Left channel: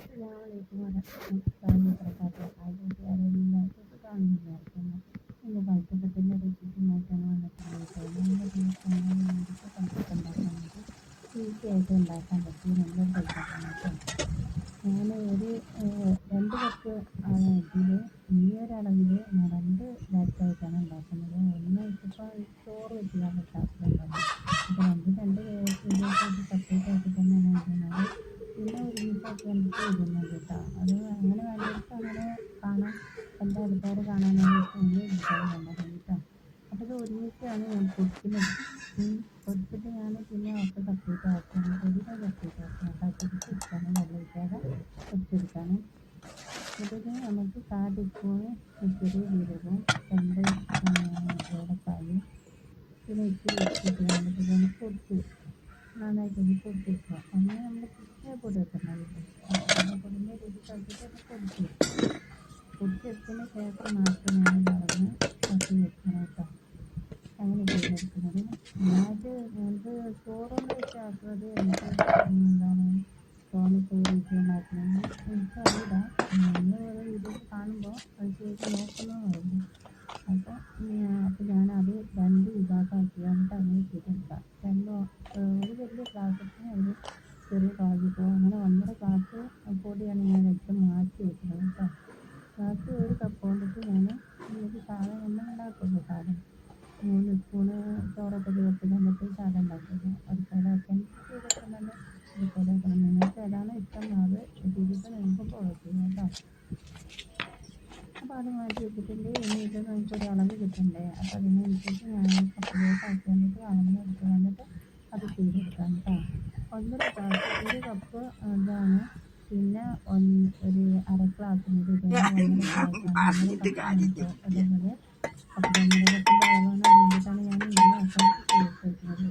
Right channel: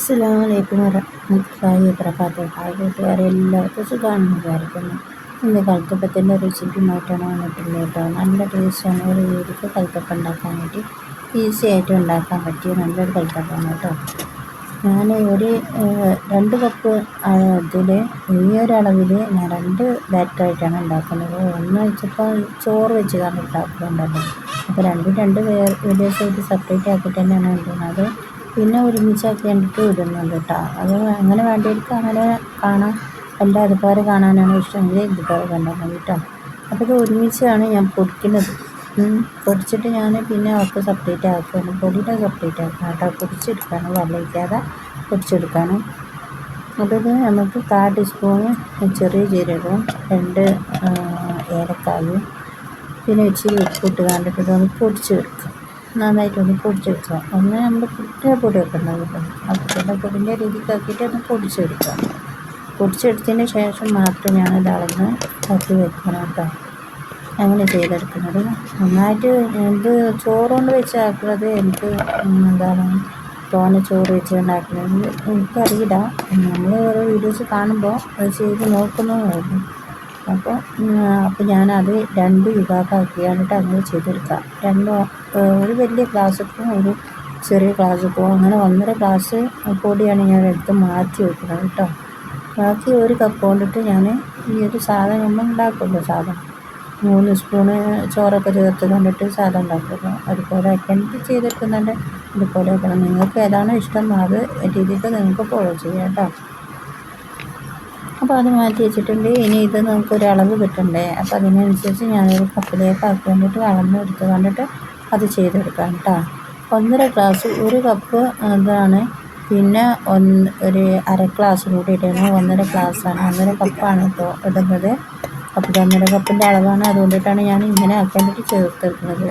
അസ്സലാമലൈക്കും വറഹ്മത്തുള്ളാഹി വബറകാതുഹു. ഹായ് കൂട്ടുകാരെ, എല്ലാവർക്കും സുഖമാണെന്ന് വിചാരിക്കുന്നു. ഇന്ന് കൽത്തപ്പത്തിൻ്റെ റെസിപ്പിയുമായിട്ടാണ് വന്നിട്ടുള്ളത് കേട്ടോ. നല്ല ടേസ്റ്റാണ്. ഒരു വീട്ടിൽ കൽത്തപ്പം ഉണ്ടാക്കാനായിട്ട് ഈസി ആയിട്ട് ഉണ്ടാക്കാൻ പറ്റിയ നല്ലൊരു കൽത്തപ്പമാണ് കേട്ടോ. ഞാൻ ഒരു 2 കപ്പ് ഇതിൽ ഈ ഒരളവിൽ ഞാൻ 2 ബാറ്ററായിട്ടാണ് ഉണ്ടാക്കുന്നത്. ഒന്ന് വെച്ചപ്പോൾ ചോറ് വെച്ച് കാരണം ഉണ്ടാക്കുന്നുണ്ടല്ലോ, അപ്പോൾ രണ്ട് വീഡിയോസായിട്ട് സെപ്പറേറ്റ് ആക്കിയിട്ട് തന്നെയാണ് ഇടുന്നത്. പിന്നെ ഒരുമിച്ചാക്കി കണ്ടിട്ട് ഇടുന്നുണ്ട് കേട്ടോ. അത് അങ്ങനെ വേണ്ടവർക്ക് അങ്ങനെ കാണാം. എല്ലാം അതുപോലെ കാണാനാണ് ഇഷ്ടമെങ്കിൽ ഇതുപോലെ കണ്ടാൽ മതി കേട്ടോ. അപ്പോൾ ഇത് ഒരുമിച്ചാണ് ഞാൻ പൊടിക്കുന്നത്. പൊടിച്ചിട്ട് ഞാൻ പിന്നെ അവർക്ക് സെപ്പറേറ്റ് ആക്കുകയാണ്. പൊടിയുടെ സെപ്പറേറ്റ് ആക്കണം കേട്ടോ. പൊടിച്ചെടുക്കാണ്, വെള്ളം ഒഴിക്കാതെ പൊടിച്ചെടുക്കാണ്. അപ്പോൾ ഇത് നമുക്ക് 1/4 ടീസ്പൂണ് ചെറിയ ജീരകവും 2 ഏലക്കായും പിന്നെ ഇച്ചിരി ഉപ്പിട്ട് കണ്ടിട്ട് ഇതൊന്ന് പൊടിച്ചെടുക്കാം. നന്നായിട്ടൊന്ന് പൊടിച്ചെടുക്കുക. ഒന്ന് നമ്മൾ പുട്ടിൻ്റെ പൊടിയൊക്കെ ഉണ്ടാകുമല്ലോ, ആ പുട്ടിൻ്റെ പൊടിൻ്റെ രീതിക്കാക്കിയിട്ട് ഒന്ന് പൊടിച്ചെടുക്കുക. പൊടിച്ചെടുത്തതിന് ശേഷം മാത്രം ഞാനിത് അളന്ന് തട്ടി വെക്കണം കേട്ടോ. അങ്ങനെ ചെയ്തെടുക്കുന്നത് നന്നായിട്ട്. ഇത് ചോറ് കൊണ്ട് വെച്ച് ആക്കുന്നത് എനിക്ക് തോനെ ചോറ് വെച്ച് ഉണ്ടാക്കുന്നത് എനിക്കറിയില്ല. നമ്മൾ ഓരോ വീഡിയോസ് കാണുമ്പോൾ അത് ചെയ്ത് നോക്കുന്നതായിരുന്നു. അപ്പോൾ ഞാനത് 2 വിഭാഗമാക്കിയാണിട്ട് അങ്ങനെ ചെയ്തെടുക്കാം. ഒരു വലിയ ഗ്ലാസ്സൊക്കെ ഒരു ചെറിയ ഗ്ലാസ്സൊക്കെ അങ്ങനെ 1.5 ഗ്ലാസ് പൊടിയാണ് ഞാൻ എടുത്ത് മാറ്റി വെക്കുന്നത് കേട്ടോ. ബാക്കി 1 കപ്പ് കൊണ്ടിട്ട് ഞാൻ ഈ ഒരു സാധനം നമ്മൾ ഉണ്ടാക്കുമല്ലോ, സാധനം 3 സ്പൂണ് ചോറൊക്കെ ചേർത്ത് കണ്ടിട്ട് സാധനം ഉണ്ടാക്കുമല്ലോ, അതുപോലെ ആക്കിയിട്ട് ചെയ്തെടുക്കുന്നുണ്ട്. അതുപോലെ ആക്കണം. നിങ്ങൾക്ക് ഏതാണോ ഇഷ്ടം അത് രീതിക്ക് നിങ്ങൾക്ക് ഫോളോ ചെയ്യാം കേട്ടോ. അപ്പോൾ അത് മാറ്റി വെച്ചിട്ടുണ്ട്. ഇനി ഇത് നമുക്കൊരു അളവ് കിട്ടണ്ടേ, അപ്പോൾ അതിനനുസരിച്ച് ഞാനൊരു കപ്പിലേക്ക് ആക്കി വേണ്ടിയിട്ട് അളന്ന് എടുത്ത് കണ്ടിട്ട് അത് ചെയ്തെടുക്കാം കേട്ടോ. 1.5 ഗ്ലാസ് 1 കപ്പ് ഇതാണ്. പിന്നെ ഒരു 1/2 ഗ്ലാസ് കൂടി ഇടണം. 1.5 ഗ്ലാസ്സാണ്, 1.5 കപ്പാണ് ഇപ്പോൾ ഇടുന്നത്. അപ്പോൾ 1.5 കപ്പിൻ്റെ അളവാണ്. അതുകൊണ്ടിട്ടാണ് ഞാൻ ഇങ്ങനെ ആക്കേണ്ടിയിട്ട് ചേർത്തെടുക്കുന്നത്.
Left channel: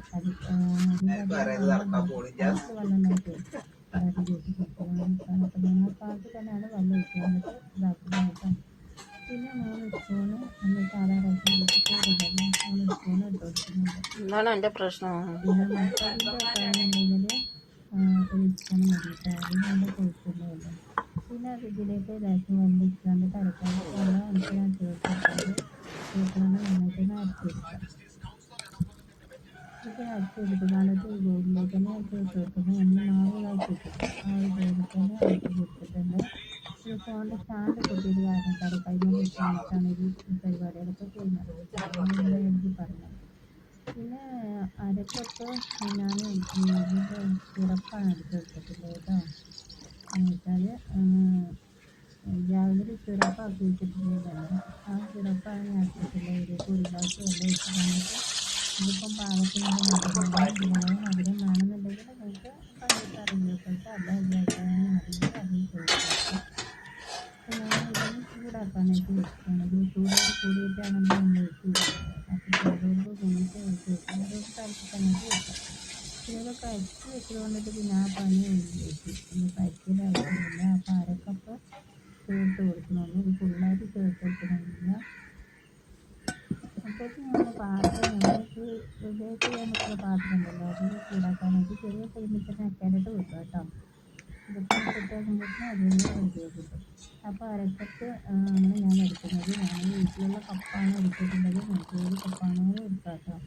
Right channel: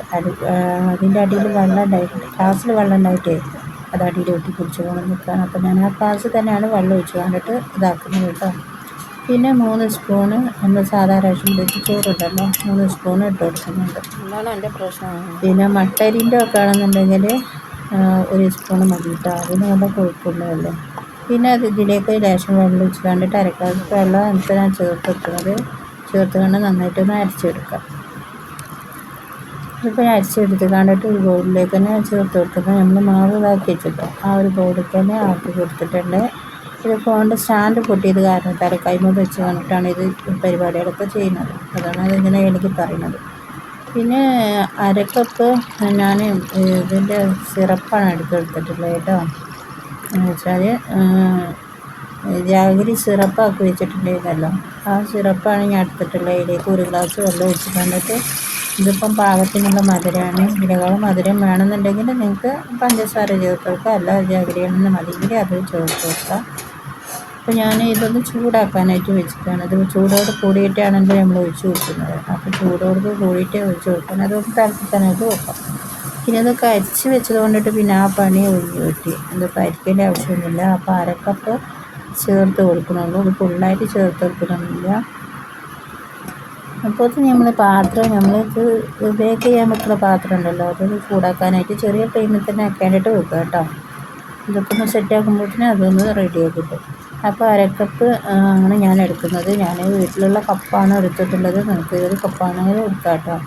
അതിൻ്റെ അടിയിൽ വെള്ളം ഉണ്ടായിട്ടുണ്ട്, ഗ്ലാസ്സിൽ വെള്ളം ഉണ്ടായിട്ടേ അത് അടിയിൽ ഒട്ടി പിടിച്ച് കൊണ്ട് നിൽക്കുകയാണ്. അപ്പോൾ ഞാൻ ആ ഗ്ലാസ്സിൽ തന്നെയാണ് വെള്ളം ഒഴിച്ച് കണ്ടിട്ട് ഇതാക്കുന്നത് കേട്ടോ. പിന്നെ 3 സ്പൂണ് നമ്മൾ സാധാ റേഷൻ വെച്ച് ചോറുണ്ടല്ലോ, 3 സ്പൂണ് ഇട്ട് കൊടുക്കുന്നുണ്ട്. പിന്നെ മട്ടരിൻ്റെ ഒക്കെ ആണെന്നുണ്ടെങ്കിൽ 1 സ്പൂണ് മതി കേട്ടോ. അതിന് നല്ല കൊഴുപ്പുള്ളതല്ലേ. പിന്നെ അത് ഇതിലേക്ക് ലേശം വെള്ളം ഒഴിച്ച് കണ്ടിട്ട് 1/2 ഗ്ലാസ് വെള്ളം എന്നിട്ട് ഞാൻ ചേർത്ത് കണ്ട് നന്നായിട്ടൊന്ന് അരച്ചെടുക്കാം. ഇപ്പോൾ അരച്ചെടുത്ത് കണ്ടിട്ട് ഒരു ബൗളിലേക്ക് തന്നെ ചേർത്ത് കൊടുക്കുന്നത്. നമ്മൾ മാവ് ഇതാക്കി വെച്ചിട്ടോ ആ ഒരു ബൗളിലേക്ക് തന്നെ ആക്കി കൊടുത്തിട്ടുണ്ട്. ഇത് ഫോണിൻ്റെ സ്റ്റാൻഡ് പൊട്ടിയത് കാരണം കൈമ വെച്ച് കണ്ടിട്ടാണ് ഇത് പരിപാടികളൊക്കെ ചെയ്യുന്നത്. അതാണ് അതിങ്ങനെ എനിക്ക് പറയുന്നത്. പിന്നെ 1/2 കപ്പ് ഞാൻ ഇതിൻ്റെ സിറപ്പാണ് എടുത്തിട്ടുള്ളത് കേട്ടോ. എന്ന് വെച്ചാൽ ജാഗരി സിറപ്പാക്കി വെച്ചിട്ടുണ്ടായിരുന്നല്ലോ, ആ സിറപ്പാണ് ഞാൻ എടുത്തിട്ടുള്ളത്. ഇതിലേക്ക് 1 ഗ്ലാസ് വെള്ളം ഒഴിച്ച് കണ്ടിട്ട് ഇതിപ്പം പാകത്തിനുള്ള മധുരമാണ്. ഇതിനേക്കാളും മധുരം വേണമെന്നുണ്ടെങ്കിൽ നിങ്ങൾക്ക് പഞ്ചസാര ചേർത്ത് കൊടുക്കുക, അല്ല ജാഗരിയാണെന്ന് മതിയെങ്കിൽ അത് ചേർത്ത് കൊടുക്കുക. അപ്പോൾ ഞാൻ ഇതൊന്ന് ചൂടാക്കാനായിട്ട് വെച്ചിട്ടാണ്. ഇത് ചൂടോട് കൂടിയിട്ടാണെങ്കിൽ നമ്മൾ ഒഴിച്ച് കൊടുക്കുന്നത്. അപ്പോൾ ചൂടോട് കൂടിയിട്ടേ ഒഴിച്ച് കൊടുക്കണം. അതൊന്ന് തിളപ്പിക്കാനായിട്ട് വെക്കാം. പിന്നെ ഇതൊക്കെ അരിച്ച് വെച്ചത് കൊണ്ടിട്ട് പിന്നെ ആ പണി ഒഴിഞ്ഞ് കിട്ടി. ഇതിപ്പോൾ അരിക്കേണ്ട ആവശ്യമൊന്നുമില്ല. അപ്പോൾ 1/2 കപ്പ് ചേർത്ത് കൊടുക്കണുള്ളൂ, ഇത് ഫുള്ളായിട്ട് ചേർത്ത് കൊടുക്കണമെന്നില്ല. അപ്പോൾ നമ്മൾ നമ്മൾക്ക് ബേക്ക് ചെയ്യാൻ വെക്കുന്ന പാത്രം ഉണ്ടല്ലോ, അതൊന്ന് ചൂടാക്കാനായിട്ട് ചെറിയ ഫ്ലെയിമിൽ തന്നെ ആക്കാനായിട്ട് വെക്കുക കേട്ടോ. ഇതൊക്കെ ഒന്ന് സെറ്റാക്കുമ്പോഴത്തേനും അതൊന്ന് റെഡിയാക്കി കിട്ടും. അപ്പോൾ 1/2 കപ്പ് ആണ് ഞാൻ എടുക്കുന്നത്. ഞാൻ വീട്ടിലുള്ള കപ്പാണ് എടുത്തിട്ടുള്ളത്. നമുക്ക് ഏത് കപ്പാണെങ്കിലും എടുക്കാം കേട്ടോ.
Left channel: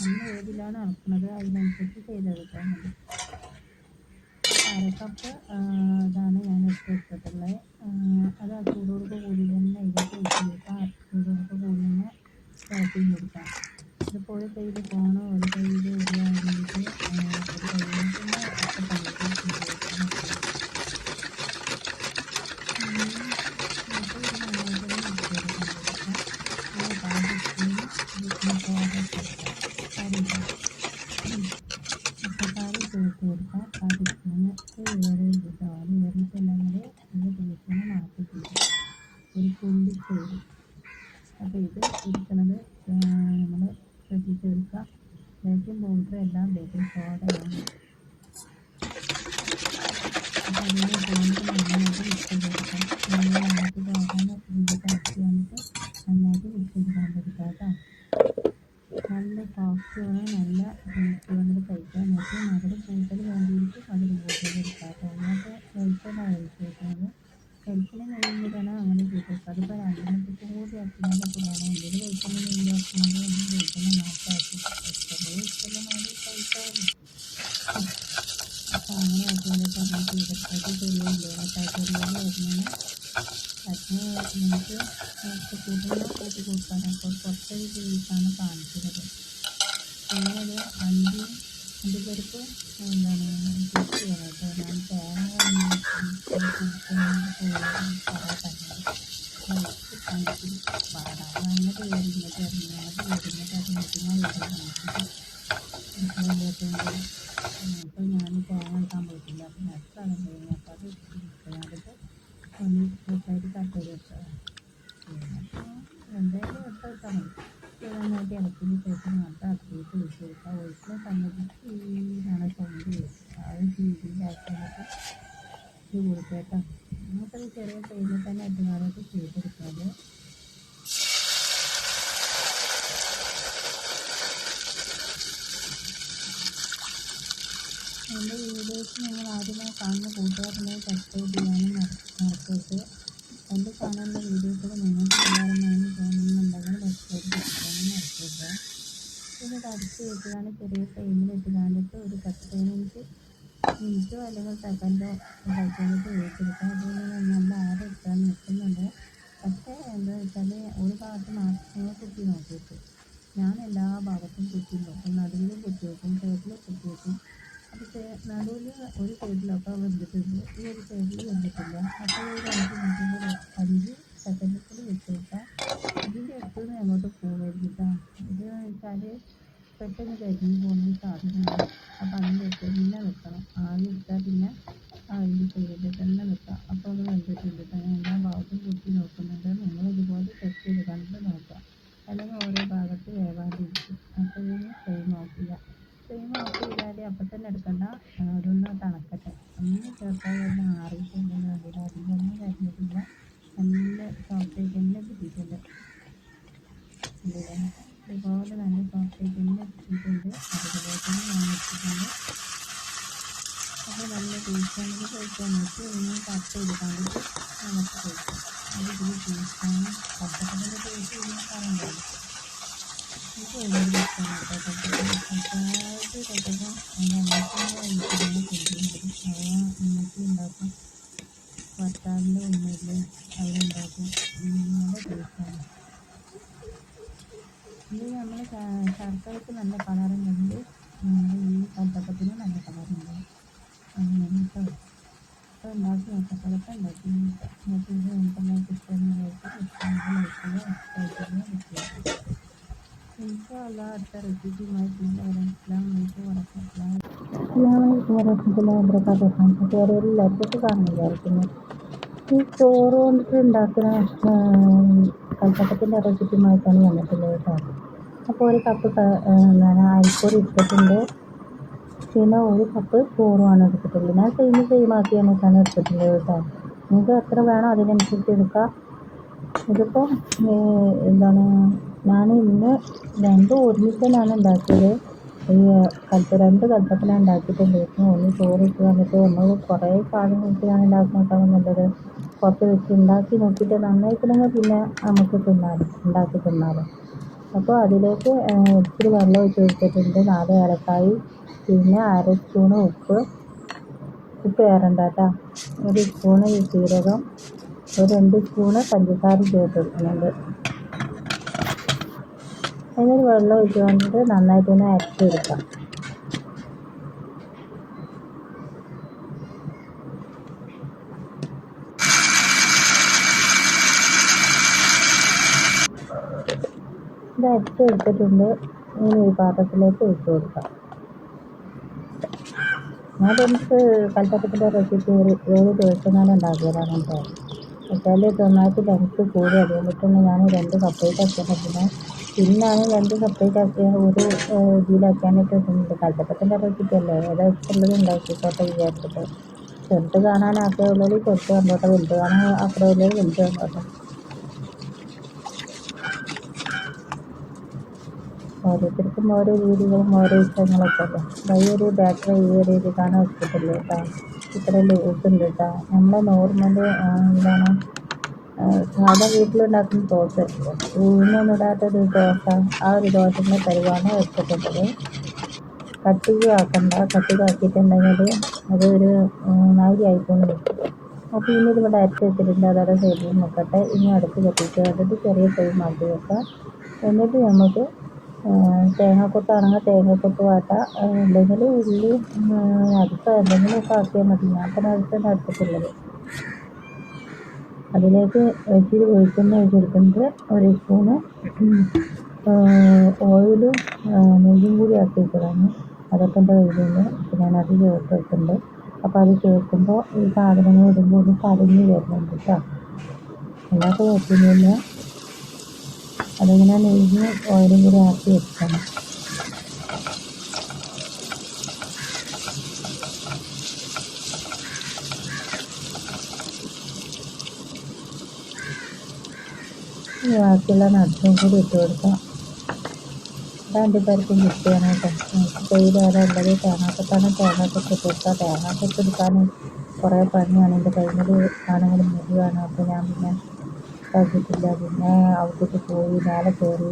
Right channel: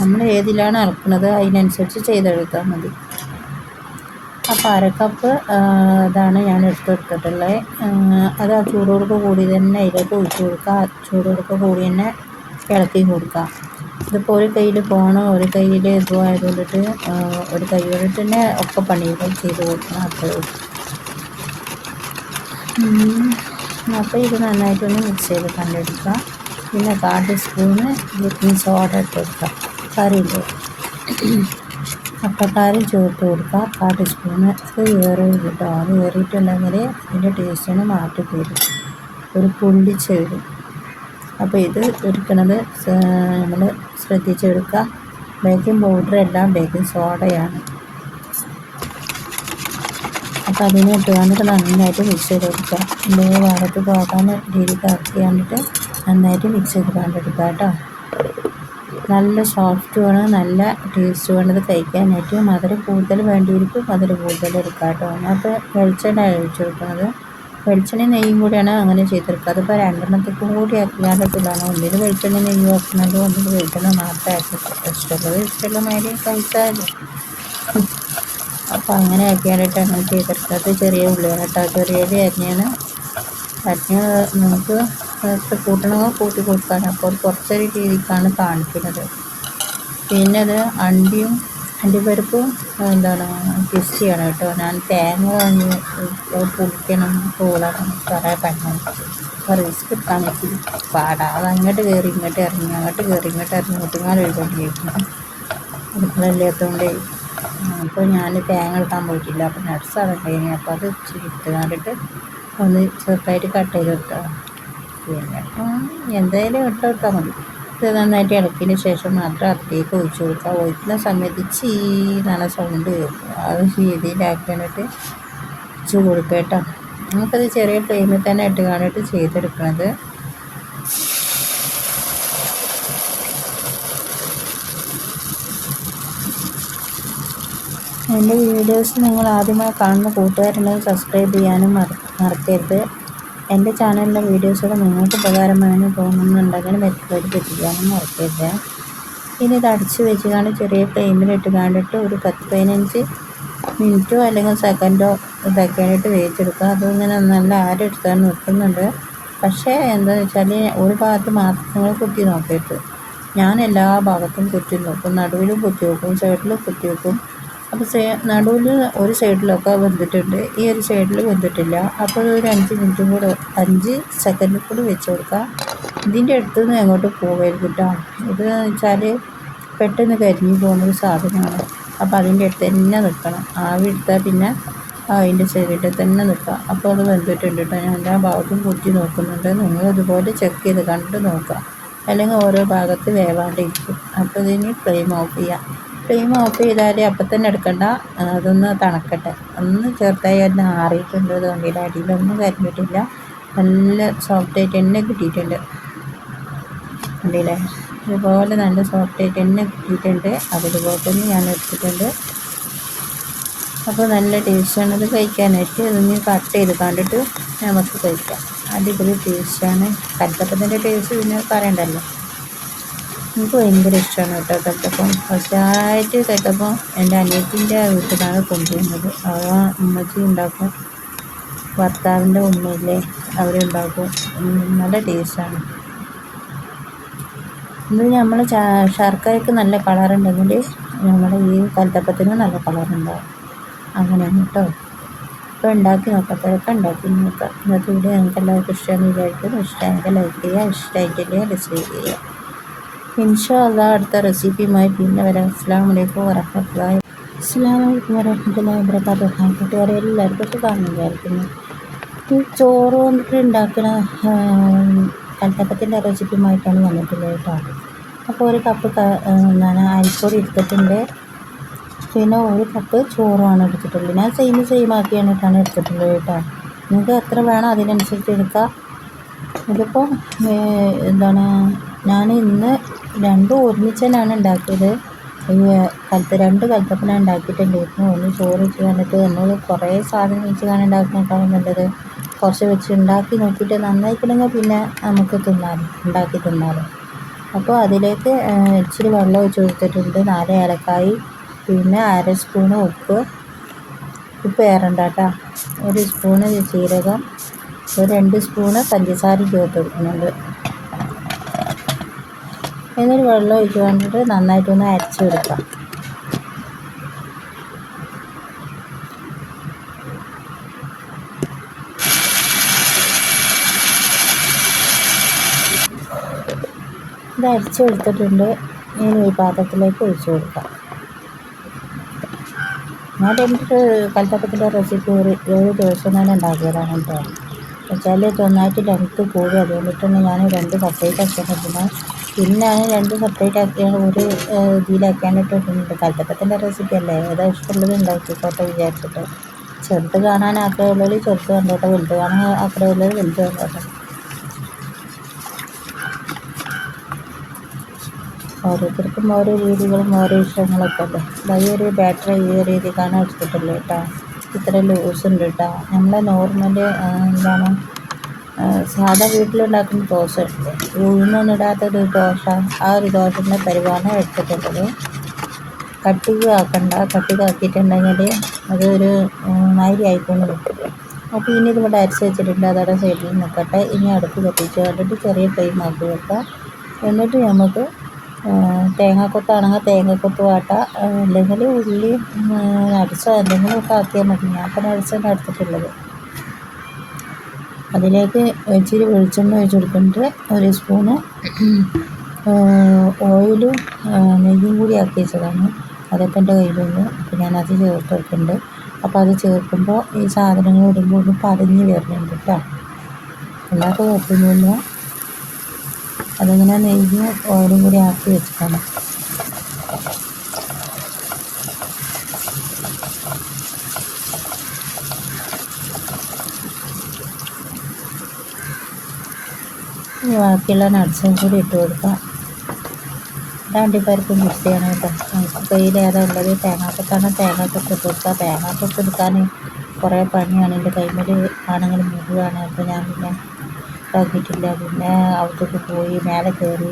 നമ്മൾ ഏതിലാണ് അളക്കുന്നത് അതിനനുസരിച്ച് ചെയ്തെടുത്താൽ മതി. അപ്പോൾ 1/2 കപ്പ് ഇതാണ് ഞാൻ എടുത്തിട്ടുള്ളത്. അത് ആ ചൂടോടൊക്കെ കൂടി തന്നെ അതിലേക്ക് ഒഴിച്ച് കൊടുക്കുക. ചൂടോടൊക്കെ കൂടി തന്നെ ഇളക്കി കൊടുക്കുക. ഇതിപ്പോൾ ഒരു കയ്യിൽ ഫോണ് ഒരു കയ്യിൽ ഇതും ആയതുകൊണ്ടിട്ട് ഒരു കൈ കൊണ്ടിട്ട് തന്നെ ഒക്കെ പണികൾ ചെയ്ത് കൊടുക്കണം. അപ്പോൾ ഇത് നന്നായിട്ടൊന്ന് മിക്സ് ചെയ്ത് കണ്ടെടുക്കുക. പിന്നെ 1/4 ടീസ്പൂണ് ബേക്കിംഗ് സോഡ ഇട്ട് കൊടുക്കുക. കറിയില്ലേ, അപ്പക്കാരം ചേർത്ത് കൊടുക്കുക. 1/4 ടീസ്പൂണ്. അത് ഏറും കേട്ടോ. അത് ഏറിയിട്ടുണ്ടെങ്കിൽ അതിൻ്റെ ടേസ്റ്റിന് മാറ്റി തരും, ഒരു പുളിച്ച് വരും. അപ്പോൾ ഇത് എടുക്കുന്നത് നമ്മൾ ശ്രദ്ധിച്ചെടുക്കുക. ബേക്കിംഗ് പൗഡർ എല്ലാം ബേക്കിംഗ് സോഡയാണ്. അപ്പോൾ അതിനെ ഇട്ട് വന്നിട്ട് നന്നായിട്ട് മിക്സ് ചെയ്ത് കൊടുക്കുക. എന്തെങ്കിലും ഭാഗത്ത് പോകാൻ രീതിക്ക് ഇറക്കി കണ്ടിട്ട് നന്നായിട്ട് മിക്സ് ചെയ്ത് കണ്ടെടുക്കുക കേട്ടോ. നല്ല സോഫ്റ്റുമാണ്, നല്ല ടേസ്റ്റുമാണ് ഇത് കഴിക്കാനായിട്ട്. മധുരം കൂടുതൽ വേണ്ടിയിരിക്കും മധുരം കൂടുതൽ എടുക്കാം കേട്ടോ. ഞാനിപ്പോൾ വെളിച്ചെണ്ണ ഒഴിച്ച് കൊടുക്കുന്നത്. വെളിച്ചെണ്ണയും നെയ്യും കൂടിയാണ് അങ്ങനെ ചെയ്തെടുക്കുക. അതിപ്പോൾ രണ്ടെണ്ണത്തേക്കും കൂടി ആക്കിയാലൊക്കെയാണ് ഒന്നിൽ വെളിച്ചെണ്ണ നെയ്യും ആക്കുന്നത്, ഒന്നിൽ വെളിച്ചെണ്ണ മാത്രമേ ആക്കി ഇഷ്ടമുള്ള മാതിരി കഴിച്ചാൽ. അപ്പോൾ അങ്ങനെ ആക്കിയാലിട്ട് അങ്ങനെ ചെയ്തെടുക്കുന്നത്. ചെറിയ ഉള്ളിയാണ് കേട്ടോ, ചെറിയ ഉള്ളി അരിഞ്ഞാണ്. നമുക്ക് കൂട്ടണമെങ്കിൽ കൂട്ടി കൊടുക്കാൻ. അപ്പോൾ കുറച്ചൊരു രീതിക്കാണ് കാണിക്കുന്നത്. പിന്നെ അത് അണ്ടിപ്പരിപ്പും പിസ്റ്റിയാണ് കേട്ടോ. ഞാൻ തേങ്ങ വാങ്ങി പുളിക്കണം പൂളണം കുറേ പണം റിസ്ക് എടുക്കാൻ പറ്റി പാടാ. അത് അങ്ങോട്ട് കയറി ഇങ്ങോട്ട് ഇറങ്ങി, അങ്ങോട്ട് കയറി ഇങ്ങോട്ട് ഇറങ്ങി മുട്ടുകാൽ എഴുതിയിരിക്കുന്നു അടുക്കളയില്ലാത്തതുകൊണ്ട്. അപ്പോൾ ഞാൻ തേങ്ങ എടുക്കാൻ പോയിട്ടില്ല. അപ്പോൾ നട്സ് അതുണ്ടായിനി. അപ്പോൾ അത് ഇട്ട് കണ്ടിട്ട് ഒന്ന് ചെറുതായിട്ട് കട്ട് ചെയ്ത് കൊടുത്താൽ പിന്നെ എന്തായാലും ഇട്ട് കൊടുത്താൽ മതി. ഇത് നന്നായിട്ട് ഇളക്കിയതിന് ശേഷം മാത്രം അതിലേക്ക് ഒഴിച്ച് കൊടുക്കുക. ഒഴിക്കുന്ന സമയത്ത് ചീ നല്ല സൗണ്ട് കേൾക്കും. അത് രീതിയിലാക്കിയിട്ട് ഒഴിച്ച് കൊടുക്കുക കേട്ടോ. നമുക്കത് ചെറിയ ഫ്ലെയിമിൽ തന്നെ ഇട്ട് കാണിട്ട് ചെയ്തെടുക്കുന്നത്. എൻ്റെ വീഡിയോസ് നിങ്ങൾ ആദ്യമായി കാണുന്ന കൂട്ടുകാരുണ്ടെങ്കിൽ സബ്സ്ക്രൈബ് ചെയ്യാനും മറക്കരുത്. എൻ്റെ ചാനലിലെ വീഡിയോസുകൾ നിങ്ങൾക്ക് ഉപകാരമായെന്ന് തോന്നുന്നുണ്ടെങ്കിൽ മറ്റുള്ളവർക്ക് എത്തിക്കാനും മറക്കരുത്. ഇനി ഇത് അടച്ച് വെച്ച് ചെറിയ ഫ്ലെയിമിലിട്ട് കണ്ടിട്ട് ഒരു 10-15 മിനിറ്റോ അല്ലെങ്കിൽ സെക്കൻഡോ ഇതാക്കിയായിട്ട് വേവിച്ചെടുക്കുക. അതിങ്ങനെ നല്ല ആരെടുത്താൽ നിൽക്കുന്നുണ്ട്. പക്ഷേ എന്താണെന്ന് വെച്ചാൽ ഒരു ഭാഗത്ത് മാത്രം നിങ്ങൾ കുത്തി നോക്കരുത്. ഞാൻ എല്ലാ ഭാഗത്തും കുത്തി നോക്കും, നടുവിലും കുത്തി വെക്കും, സൈഡിലും കുത്തി വെക്കും. അപ്പോൾ നടുവിൽ ഒരു സൈഡിലൊക്കെ വെന്തിട്ടുണ്ട്, ഈ ഒരു സൈഡിൽ വെന്തിട്ടില്ല. അപ്പോൾ ഒരു 5 മിനിറ്റും കൂടെ 5 സെക്കൻഡിൽ കൂടി വെച്ച് കൊടുക്കുക. ഇതിൻ്റെ അടുത്ത് നിന്ന് എങ്ങോട്ട് പോകരുത് കേട്ടോ. ഇത് വെച്ചാൽ പെട്ടെന്ന് കരിഞ്ഞു പോകുന്നൊരു സാധനമാണ്. അപ്പോൾ അതിൻ്റെ അടുത്ത് തന്നെ നിൽക്കണം. ആവി എടുത്താൽ പിന്നെ അതിൻ്റെ സൈഡിൽ തന്നെ നിൽക്കുക. അപ്പോൾ അത് വെന്തിട്ടുണ്ട് കേട്ടോ. ഞാൻ എല്ലാ ഭാഗത്തും കുത്തി നോക്കുന്നുണ്ട്. നിങ്ങൾ ഇതുപോലെ ചെക്ക് ചെയ്ത് കണ്ടിട്ട് നോക്കുക, അല്ലെങ്കിൽ ഓരോ ഭാഗത്ത് വേവാണ്ടിരിക്കും. അപ്പോൾ ഇതിന് ഫ്ലെയിം ഓഫ് ചെയ്യാം. ഫ്ലെയിം ഓഫ് ചെയ്താൽ അപ്പം തന്നെ എടുക്കണ്ട, അതൊന്ന് തണുക്കട്ടെ. ഒന്ന് ചെറുതായി ഒന്ന് ആറിയിട്ടുണ്ട്. അതുകൊണ്ടില്ല അടിയിലൊന്നും കരിഞ്ഞിട്ടില്ല, നല്ല സോഫ്റ്റായിട്ട് തന്നെ കിട്ടിയിട്ടുണ്ട്. കണ്ടില്ലേ, ഇതുപോലെ നല്ല സോഫ്റ്റായിട്ട് തന്നെ കിട്ടിയിട്ടുണ്ട്. അതുപോലെ തന്നെ ഞാൻ എടുത്തിട്ടുണ്ട്. അപ്പോൾ നല്ല ടേസ്റ്റാണ് ഇത് കഴിക്കാനായിട്ട്. ഇതൊന്ന് കട്ട് ചെയ്ത് കണ്ടിട്ട് നമുക്ക് കഴിക്കാം. അടിപൊളി ടേസ്റ്റാണ്. കൽത്തപ്പത്തിൻ്റെ ടേസ്റ്റ് പിന്നെ പറയണ്ടല്ലോ. എനിക്ക് ഭയങ്കര ഇഷ്ടമാണ് കേട്ടോ കൽത്തപ്പം. ഫസ്റ്റായിട്ട് കൽത്തപ്പം എൻ്റെ അനിയത്തിൻ്റെ വീട്ടിലാണ് കൊണ്ടുവരുന്നത്. അവ ഉമ്മച്ചി ഉണ്ടാക്കും, ഭർത്താവിൻ്റെ ഉമ്മയില്ലേ അവരുണ്ടാക്കും. നല്ല ടേസ്റ്റാണ്. ഇത് നമ്മൾ ശർക്കരയ്ക്ക് നല്ല കളറുണ്ടെങ്കിൽ നമ്മുടെ ഈ കൽത്തപ്പത്തിന് നല്ല കളറുണ്ടാവും. അങ്ങനെയാണ് കേട്ടോ. അപ്പോൾ ഉണ്ടാക്കി നോക്കത്തൊക്കെ ഉണ്ടാക്കി നോക്കാം. ഇന്നത്തെ വീഡിയോ നിങ്ങൾക്ക് എല്ലാവർക്കും ഇഷ്ടമെന്ന് വിചാരിക്കുന്നു. ഇഷ്ടമെങ്കിൽ ലൈക്ക് ചെയ്യുക, ഇഷ്ടമായിട്ടില്ലേ ഡിസ്ലൈക്ക് ചെയ്യുക. ഇൻഷാ അല്ലാഹ് അടുത്ത റെസിപ്പിയുമായി പിന്നെ വരാം. അസ്സലാമു അലൈക്കും വറഹ്മത്തുള്ളാഹി വബറകാതുഹു. കൂട്ടുകാരെ എല്ലാവർക്കും സുഖമാണെന്ന് വിചാരിക്കുന്നു. ഈ ചോറ് കൊണ്ടിട്ട് ഉണ്ടാക്കുന്ന കൽത്തപ്പത്തിൻ്റെ റെസിപ്പിയുമായിട്ടാണ് വന്നിട്ടുള്ളത് കേട്ടോ. അപ്പോൾ ഒരു കപ്പ് അരിപ്പൊടി എടുത്തിട്ടുണ്ട്. പിന്നെ ഒരു കപ്പ് ചോറുമാണ് എടുത്തിട്ടുള്ളത്. ഞാൻ സെയിം ആക്കിയാണ് എടുത്തിട്ടുള്ളത് കേട്ടോ. നിങ്ങൾക്ക് എത്ര വേണോ അതിനനുസരിച്ച് എടുക്കാം. ഇതിപ്പോൾ ഞാൻ ഇന്ന് രണ്ടും ഒരുമിച്ചാണ് ഉണ്ടാക്കിയത്. രണ്ട് കൽത്തപ്പന ഉണ്ടാക്കിയിട്ടുണ്ടായിരുന്നു. ഒന്ന് ചോറ് വെച്ച് കണ്ടിട്ട് നമ്മൾ കുറേ സാധനം വെച്ച് കാണാൻ ഉണ്ടാക്കുന്നേക്കാളും നല്ലത് കുറച്ച് വെച്ച് ഉണ്ടാക്കി നോക്കിയിട്ട് നന്നായിട്ടുണ്ടെങ്കിൽ പിന്നെ നമുക്ക് ഉണ്ടാക്കി തിന്നാലും. അപ്പോൾ അതിലേക്ക് ഇച്ചിരി വെള്ളം ഒഴിച്ച് കൊടുത്തിട്ടുണ്ട്. 4 ഏലക്കായി, പിന്നെ 1/2 സ്പൂണ് ഉപ്പ് ഏറണ്ട കേട്ടോ. 1 സ്പൂണ് ജീരകം, ഒരു 2 സ്പൂണ് പഞ്ചസാര ചേർത്ത് കൊടുക്കുന്നുണ്ട്. എന്നിട്ട് വെള്ളം ഒഴിച്ച് കണ്ടിട്ട് നന്നായിട്ടൊന്ന് അരച്ചെടുക്കാം. ഇത് അരച്ചെടുത്തിട്ടുണ്ട്. ഇനി ഈ പാത്രത്തിലേക്ക് ഒഴിച്ച് കൊടുക്കാം. ഞാൻ എന്നിട്ട് കൽത്തപ്പത്തിൻ്റെ റെസിപ്പി ഒരു ദിവസം തന്നെ ഉണ്ടാക്കിയതാണ് കേട്ടോ. വെച്ചാൽ നന്നായിട്ട് ലെങ്ത്ത് കൂടി, അതുകൊണ്ടിട്ടാണ് ഞാൻ 2 സെപ്പറേറ്റ് ആക്കിയിട്ടുണ്ട്. പിന്നെ ഞാൻ 2 സെപ്പറേറ്റ് ആക്കിയാണ് ഒരു ഇതിലാക്കിയാണ്ടിട്ടുണ്ട്. കൽത്തപ്പത്തിൻ്റെ റെസിപ്പി അല്ലേ, ഏതാ ഇഷ്ടമുള്ളത് ഉണ്ടാക്കിക്കോട്ടെ വിചാരിച്ചിട്ട്. ചെറുത് കാണാൻ ആഗ്രഹമുള്ളവർ ചെറുത് കണ്ടോട്ടെ, വലുത് കാണാൻ ആഗ്രഹമുള്ളവർ വലുത് കണ്ടോട്ടെ. ഓരോരുത്തർക്കും ഓരോ രീതികളും ഓരോ ഇഷ്ടങ്ങളൊക്കെ അല്ലേ. ഈ ഒരു ബാറ്ററി ഈ രീതിക്കാണ് എടുത്തിട്ടുള്ളത് കേട്ടോ. ഇത്ര ലൂസ് ഉണ്ട് കേട്ടോ. നമ്മളെ നോർമൽ എന്താണ് സാധാ വീട്ടിലുണ്ടാക്കുന്ന ദോശ ഉണ്ട്, ഉഴുന്നൊന്നും ഇടാത്തൊരു ദോശ, ആ ഒരു ദോശൻ്റെ പരിവാണ് എടുത്തിട്ടുള്ളത്. കട്ടിക്ക് ആക്കണ്ട, കട്ടിക്കാക്കിയിട്ടുണ്ടെങ്കിൽ അതൊരു മാതിരി ആയിക്കൊണ്ട് നിൽക്കും. അപ്പോൾ ഇനി ഇതുകൊണ്ട് അരച്ച് വെച്ചിട്ടുണ്ട്, അതോടെ സൈഡിൽ നിൽക്കട്ടെ. ഇനി അടുപ്പ് കത്തിച്ച് കണ്ടിട്ട് ചെറിയ ഫ്ലെയിം ആക്കി വെക്കാം. എന്നിട്ട് നമുക്ക് തേങ്ങാക്കൊത്താണെങ്കിൽ തേങ്ങാക്കൊത്ത് വാട്ടാം, അല്ലെങ്കിൽ ഉള്ളി നട്സോ എന്തെങ്കിലുമൊക്കെ ആക്കിയാൽ മതി. ഞാൻ ഇപ്പോൾ നട്സാണ് എടുത്തിട്ടുള്ളത്. അതിലേക്ക് ഇച്ചിരി വെളിച്ചെണ്ണ ഒഴിച്ച് കൊടുക്കുന്നുണ്ട്, ഒരു സ്പൂണ് ഓയിലും നെയ്യും കൂടി ആക്കി വെച്ചതാണ്. അതൊക്കെ എൻ്റെ കയ്യിലുണ്ട്. അപ്പോൾ ഞാനത് ചേർത്ത് വെക്കുന്നുണ്ട്. അപ്പോൾ അത് ചേർക്കുമ്പോൾ ഈ സാധനങ്ങൾ ഇടുമ്പോൾ ഒന്ന് പതഞ്ഞ് വരുന്നുണ്ട് കേട്ടോ. അല്ലാത്ത കുഴപ്പമൊന്നുമില്ല. അതിങ്ങനെ നെയ്യും ഓയിലും കൂടി ആക്കി വെച്ചിട്ടാണ്. ബാക്കിയുള്ള നട്സും കൂടി ഇട്ട് കൊടുക്കാം. അണ്ടിപ്പരിപ്പ് മിക്സ് ചെയ്യണം കേട്ടോ. നമുക്കിപ്പോൾ ഇതിൽ ഏതാ ഉള്ളത്, തേങ്ങാക്കൊത്താണ്, തേങ്ങാക്കൊത്ത് ഇട്ട് കൊടുക്കുക. തേങ്ങാക്കൊത്ത് എടുക്കാൻ കുറേ പണിയാണ്. എൻ്റെ കൈമേൽ ആണെങ്കിൽ മുഴുവാണ്. അപ്പോൾ ഞാൻ പിന്നെ ഇതാക്കിയിട്ടില്ല. പിന്നെ അവിടത്തേക്ക് പോയി മേലെ കയറി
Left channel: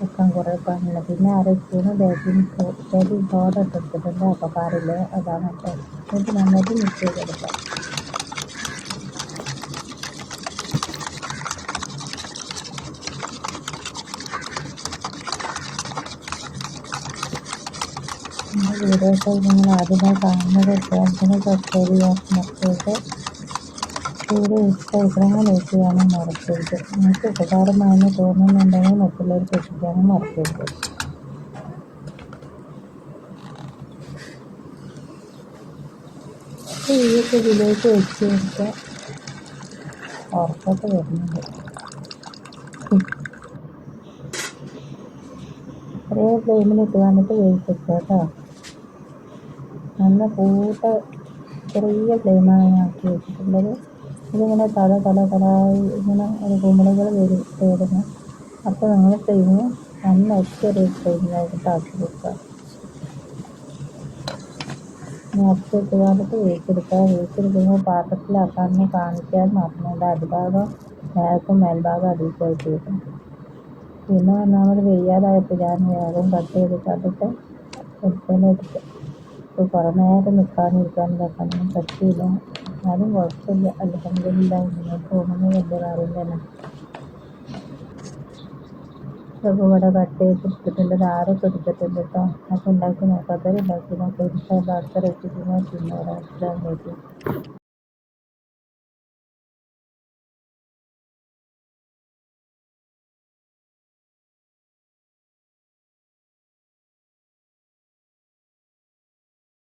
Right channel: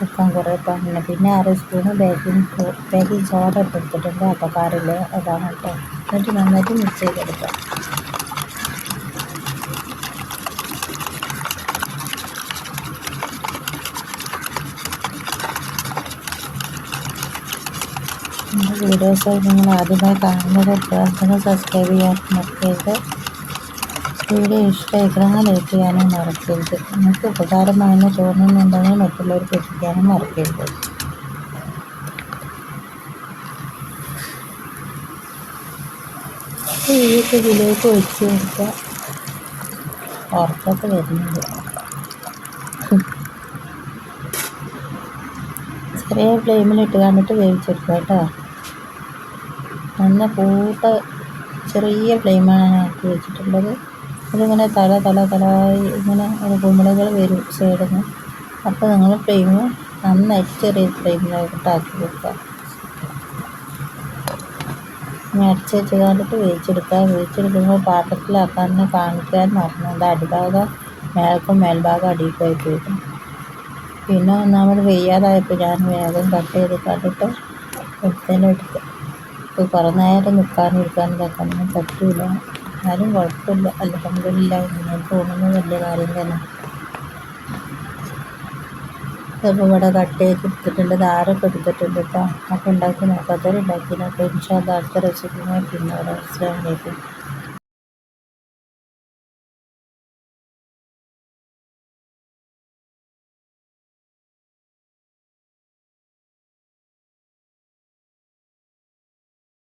വെക്കാൻ കുറേ പണിയാണ്. പിന്നെ 6 സ്പൂണ് ബേക്കിംഗ് സോഡ ഇട്ട് എടുത്തിട്ടുണ്ട്, അപ്പക്കാറിൽ അതാണ് കേട്ടോ. എന്നിട്ട് നന്നായിട്ട് മിക്സ് ചെയ്തെടുക്കാം. എൻ്റെ വീഡിയോസ് നിങ്ങൾ ആദ്യമായി കാണുന്നത് തന്നെ സബ്സ്ക്രൈബ് ചെയ്യാൻ മറക്കരുത്. വീഡിയോ ഇഷ്ടമായിക്കണമെങ്കിൽ ലൈക്ക് ചെയ്യാനും മറക്കരുത്. നിങ്ങൾക്ക് ഉപകാരമാണെന്ന് തോന്നുന്നുണ്ടെങ്കിൽ മറ്റുള്ളവർക്ക് എത്തിക്കാനും മറക്കരുത്. ഇതിലേക്ക് ഇതിലേക്ക് വെച്ച് കൊടുക്കുക. ഉറപ്പൊക്കെ വരുന്നുണ്ട്. ചെറിയ ഫ്ലെയിമിലിട്ട് കണ്ടിട്ട് വേവിച്ചെടുക്കുക കേട്ടോ. നല്ല ചെറിയ ഫ്ലെയിമാണ് ഞാൻ ആക്കി വെച്ചിട്ടുള്ളത്. ഇതിങ്ങനെ തലായി ഇങ്ങനെ കുമിളകൾ വരും സൈഡിൽ നിന്ന്. അപ്പോൾ നിങ്ങൾ ഫ്ലെയിം നന്നായിട്ട് ചെറിയ ഫ്ലെയിമിലായിട്ട് ആക്കി വെക്കുക. ഇനി അടച്ച് വെച്ച് കണ്ടിട്ട് വേവിച്ചെടുക്കുക. വേവിച്ചെടുക്കുമ്പോൾ പാത്രത്തിലാക്കാൻ കാണിക്കാൻ മറന്നു. അത് അടിഭാഗം മേൽക്കും മേൽഭാഗം അടിയിലായിട്ട് വരും. പിന്നെ ഒന്നാമത് വെയ്യാതായപ്പോൾ ഞാൻ വേഗം കട്ട് ചെയ്ത് കണ്ടിട്ട് എടുത്ത് ഇപ്പോൾ കുറേ നേരം നിൽക്കാനും ഇരിക്കാനും ഇതാക്കാനൊന്നും പറ്റില്ല. എന്നാലും കുഴപ്പമില്ല, അൽഹംദുലില്ലാ. ഇങ്ങനെ തോന്നുന്നത് വലിയ കാര്യം തന്നെ. ചിലപ്പോൾ ഇവിടെ കട്ട് ചെയ്ത് എടുത്തിട്ടുണ്ട്, ധാരമൊക്കെ എടുത്തിട്ടുണ്ട് കേട്ടോ. അപ്പോൾ ഉണ്ടാക്കി നോക്കാത്തവർ ഉണ്ടാക്കി നോക്കാം. ഇൻഷാ അല്ലാഹ് അടുത്ത റെസിപ്പിയുമായി പിന്നെ വരാം. അസ്സലാമു അലൈക്കും.